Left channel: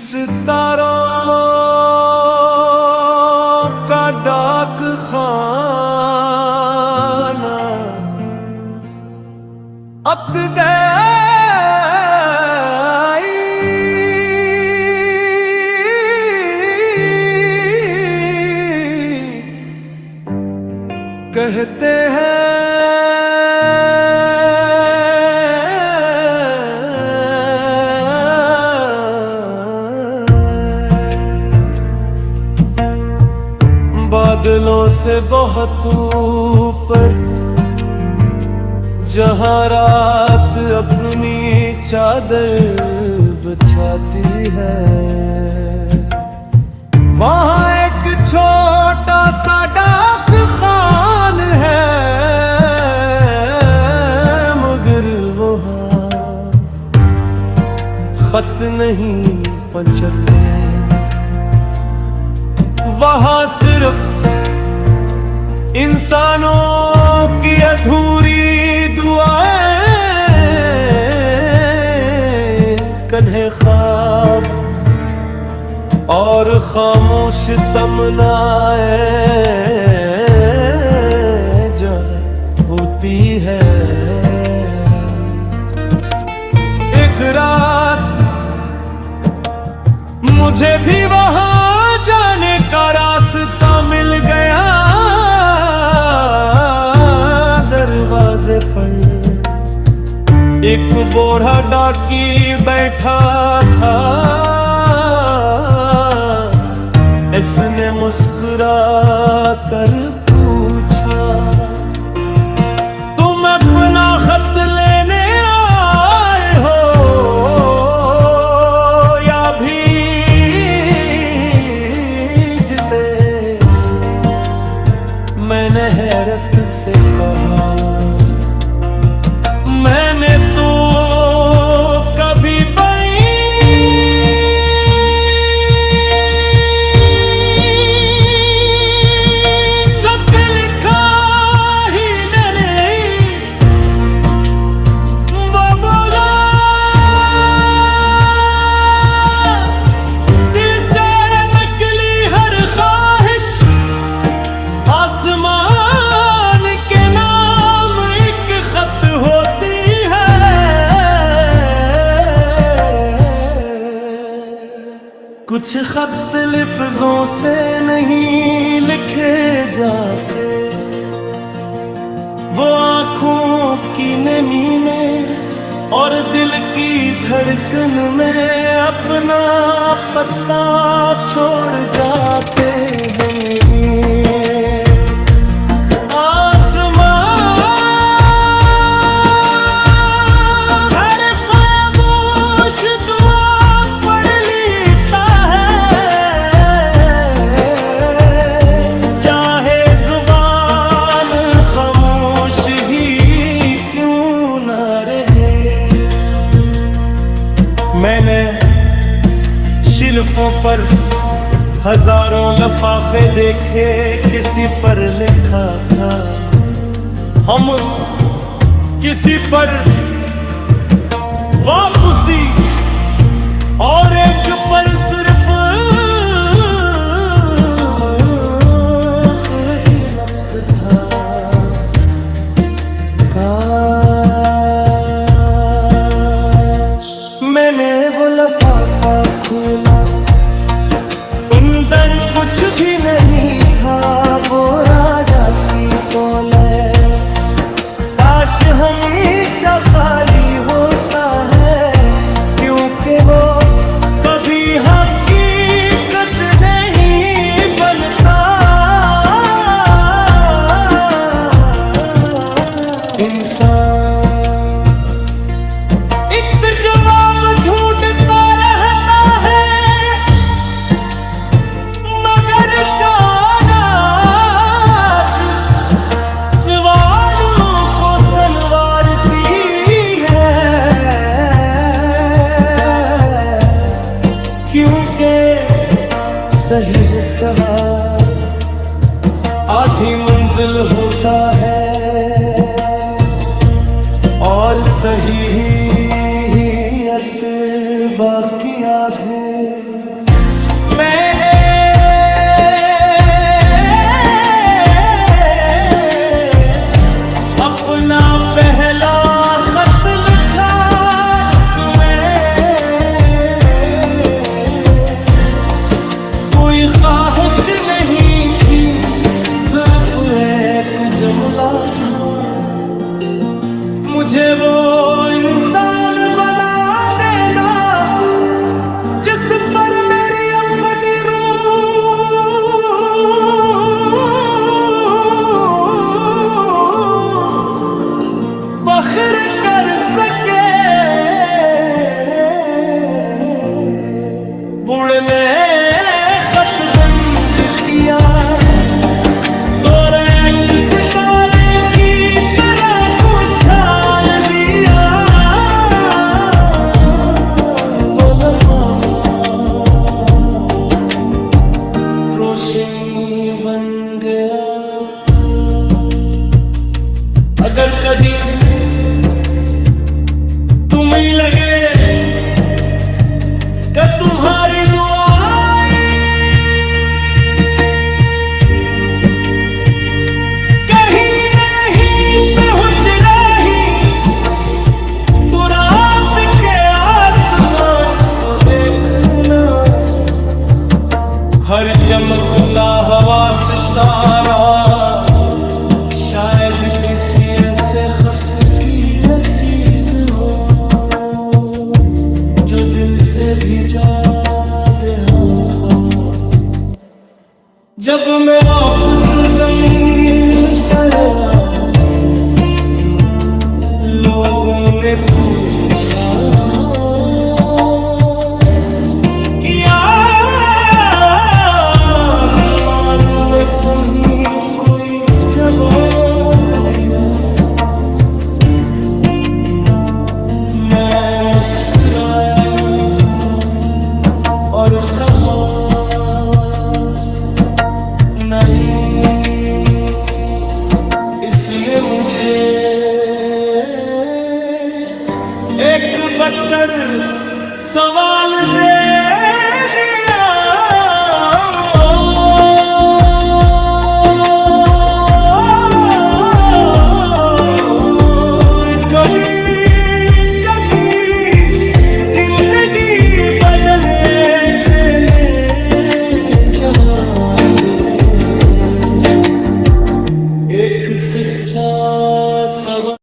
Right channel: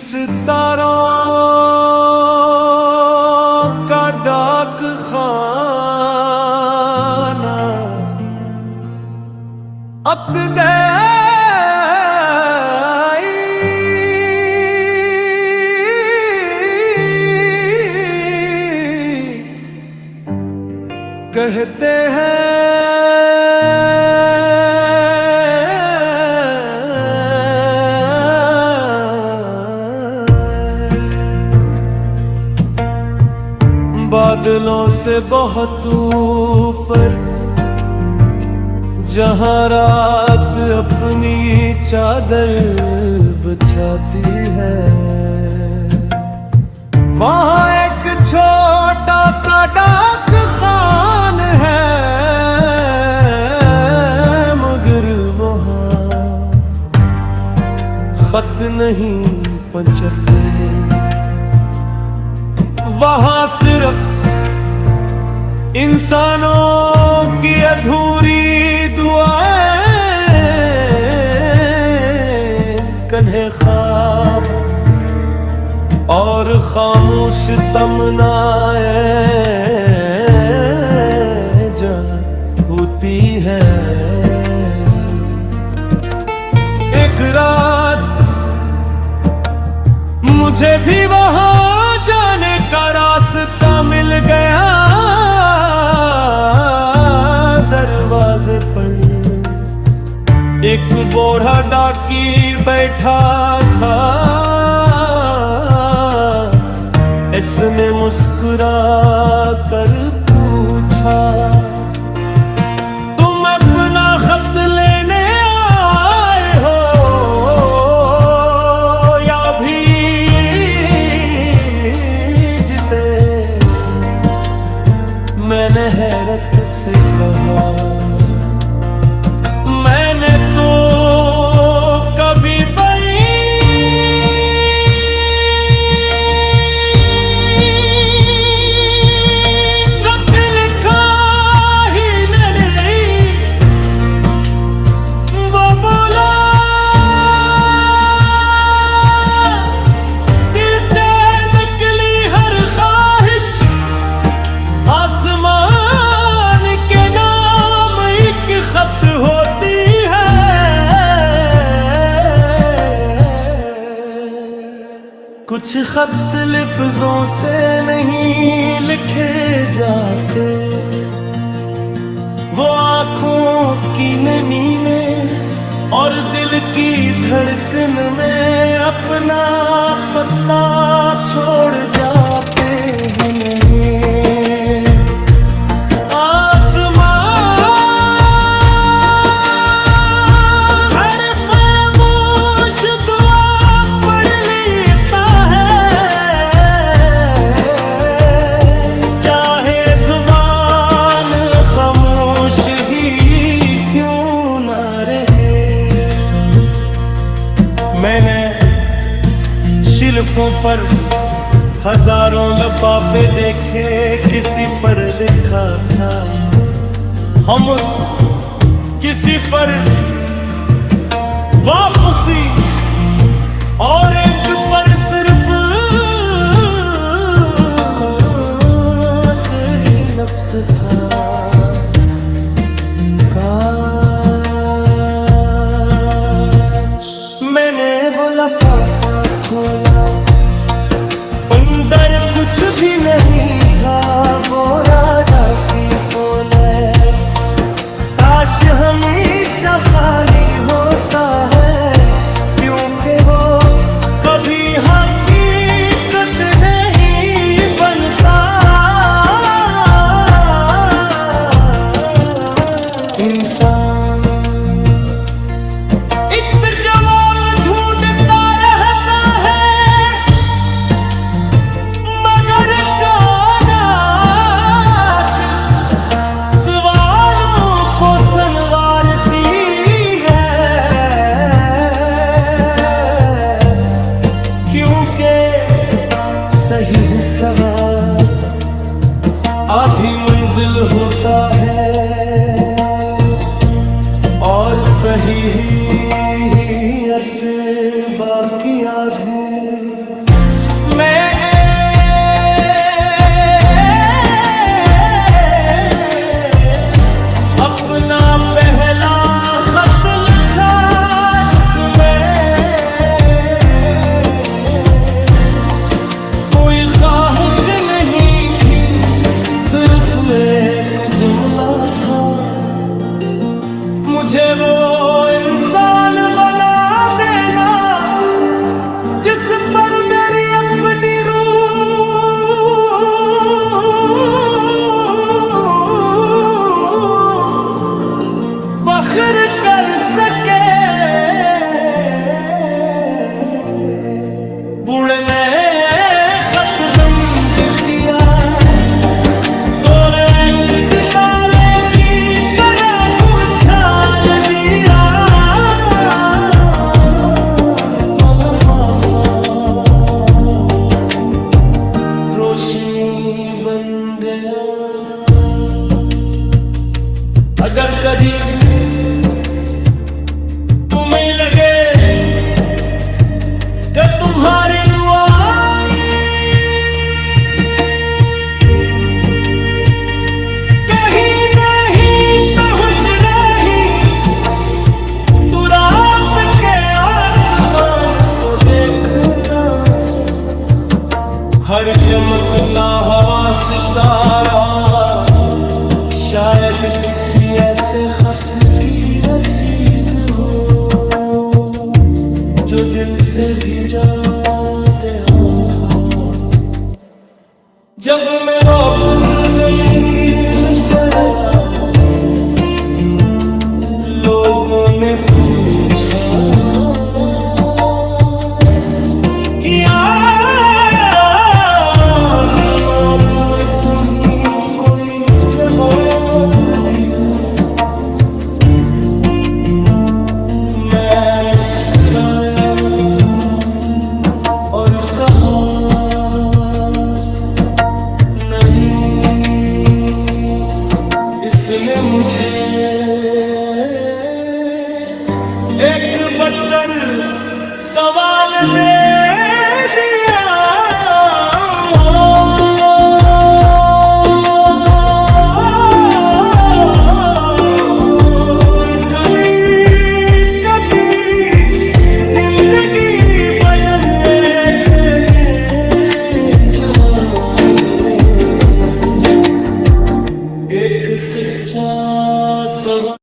सितारों का डाक खाना अब कहते हैं बादलों से बहुत ऊपर जहां रात अपनी चादर बिछाती है, वहां एक छोटा सा डाक खान है, मगर वहां खत नहीं पहुंचते। वहां सिर्फ इंसानों की अधूरी दुआएं, कन्हे ख्वाब और खामोश तमन्नाएं जा होती है। एक रात मुझे भी वहां जाने का रास्ता मिल गया। दरवाजे पर एक बूढ़ा डाकी बैठा था, इसने मुस्कुरा कर पूछा, तुम अपना खत लेने आए हो या भीजते? मैंने हैरत से कहा, मैंने तो कभी लिखा ही नहीं। वो बोला, दिल से निकली हर ख्वाहिश आसमान के नाम एक खत होती है। कुछ खत लफ्जों से नहीं लिखे जाते, वो आंखों की नमी में और दिल की धड़कन में अपना पता छोड़ जाते हैं। मैंने शिल्फों पर हजारों लफाफे देखे, किसी पर लिखा था हम किसी पर वापसी, और एक पर सिर्फ ही लफ्ज था, मैंने वो लफाफा खोला, अंदर कुछ भी नहीं था, वो राजा की पोले। काश हमेशा खाली होता है, क्योंकि वो कभी हकीकत नहीं बनता। इंसान जवाब ढूंढता रहता है, मगर कायनात सवालों को संवारती है, क्योंकि सही सवाल आधी मंजिल होता है और सहीयत बाकी आधे मैं अपना पहला खत लिखा इसमें कोई ख्वाहिश नहीं थी, सिर्फ एक जुमला था, मुझे वो इंसान बना देना जिस पर मेरी अपनी रूह फख्र कर सके। बुढ़ने खत बंद किया तो एक सितारे की तरफ उछाल दिया वो लफाफा, रोशनी बन गया। अगर कभी तुम्हें लगे कि तुम्हारी दुआएं कहीं नहीं पहुंच रही, तो रात के आसमान को देखना, हर चमकता हवा सितारा शायद किसी ऐसे खत की रसीद हो जो दिल से भिजा दया था। जब मैं वापस जमीन पर आया, लोगों ने पूछा कि आसमान में तुम ही कोई जवाब दिया। मैं मुस्कुराया और कहा नहीं, इसने मुझे एक बट्टर सवाल दे